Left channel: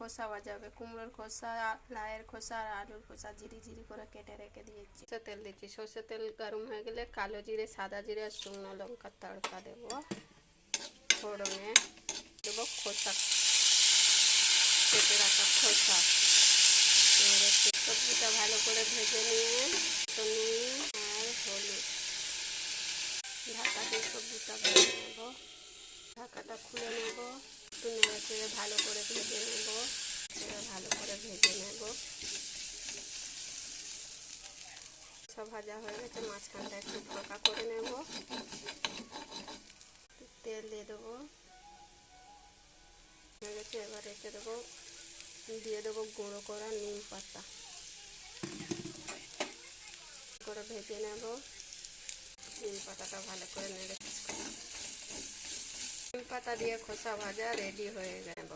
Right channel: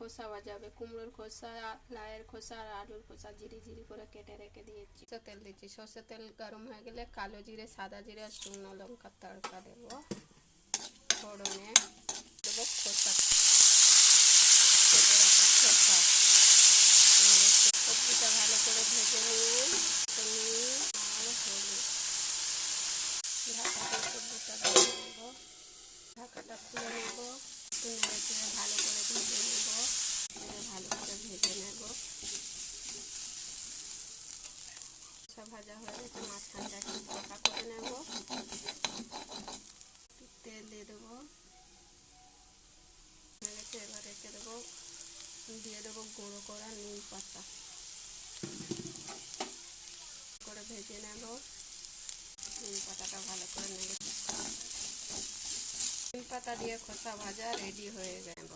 খোসা ভাজা হবে, কুমড়োর খোসা, লাউয়ের খোসা আর আলুর খোসা ঝিরি ঝিরি করে কেটে রেখে দিয়েছি। সরষের তেল দিচ্ছি, সরষের তেল গরম হয়ে গেলে কালো জিরে, সাদা জিরে আর শুকনো লঙ্কার তড়কা দেবো। ফোড়নে দেবো খোসা, কেটে রাখা খোসা। সবজিটা ভালো করে ভেজে নিয়ে নুন আর হলুদ ঢাকা দিয়ে সবজিটা ভেজে নেব। ঢাকাটা খুলে নেব, একটু নেড়ে চেড়ে ভালো করে ভেজে নেব। ভালো করে ভেজে নেব। সব ভাজা হয়ে গেছে, মাঝখানটা একটু ফাঁকা করে নেব। তেল দিয়ে দেবো, হয়ে গেছে। এবার রেখে দেবো, দিয়ে দেবো গুঁড়ো করা নিম পাতা করে ভেজে নেব। নিম পাতাটা ভালো করে নেড়ে, নিম পাতা দিয়ে খোসা ভাজা রেডি হয়ে গেল।